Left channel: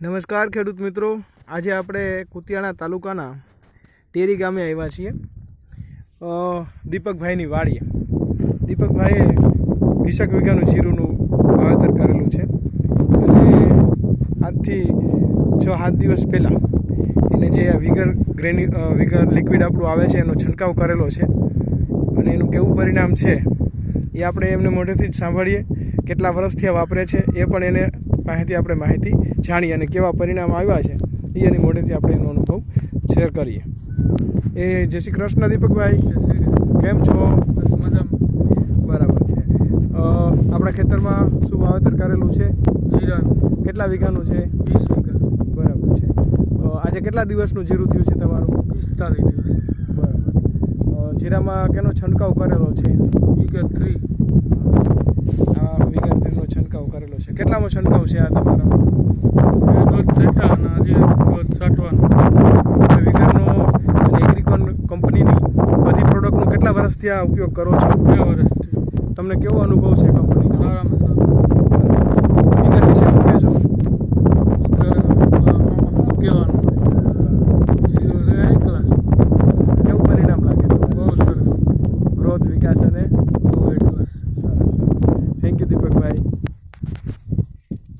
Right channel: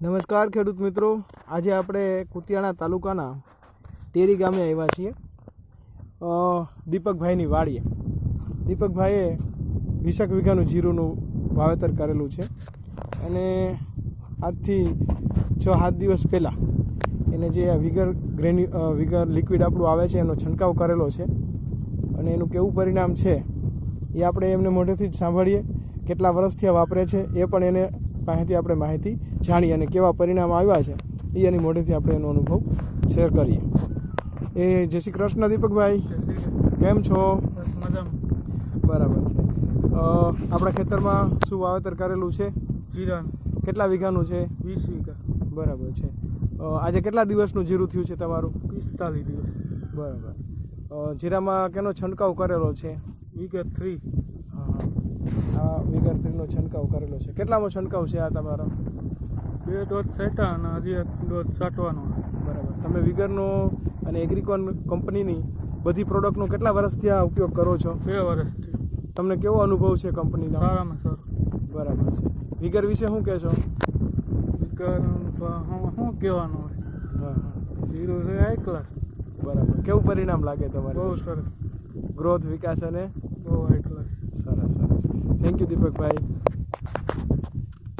નમસ્કાર ખેડૂત મિત્રો. આજે આપણે કુતિયાણા તાલુકાના ટેરી ગામે આવ્યા છીએ. દીપકભાઈની વાડીએ. દીપકભાઈએ વીસેક વીઘાનું જીરુંનું વાવેતર કરેલું છે. અને આજથી છ સાત દિવસ પહેલાં એને જે વિગર ગ્રેન્યુ વિગર લિક્વિડ આપણું આવે છે, એનો છંટકાવ કરેલો છે. અને એનું કેવું પરિણામ છે એ આપણે એમને મોઢેથી જ સાંભળીએ. કેટલા વર્ષથી આ વાપરે છે એ પણ એને પાસેથી આપણે માહિતી જાણીએ અને કેવા પરિણામ આવ્યા છે એ એની મોઢેથી આપણે એનો અનુભવ શેર કરીએ. એ જય શ્રી કૃષ્ણ દીપકભાઈ. કેમ છો? બરાબર છે. આપણા ખેતરમાં શું વાવેતર કરેલું છે? જીરા કેટલા વીઘાનું છે? વીસ વીઘા. બરાબર છે. આજે કેટલા દિવસનું જીરું થયું છે તમારું? પિસ્તાલીસ દિવસ. બરાબર. જીરામાં કેનો છંટકાવ કરેલો છે? વીઘા થ્રી આ વિગર થ્રીનો છંટકાવ કરેલો છે? કેટલામાં છંટકાવ છે આ તમારો? બે છેટા અને હજી એક ડોઝ છાંટવાનો. વિગરનો અને એગ્રીકોન કંપનીની બધી પ્રોડક્ટનો કેટલા વર્ષથી આ ઉપયોગ કરો છો? બે વર્ષથી. તમને કેવો અનુભવ છે કંપની સારામાં સારું. બરાબર વિગર વિશે શું કહેશો? શું કહેવાનું જીરો છે ક્લાસ કેવું પરિણામ લાગે તમારે? બહુ સરસ. ગ્રોથ વિકાસ અને બહુ હાઈ ક્લાસ સરસ સરસ થેન્ક યુ દીપકભાઈ.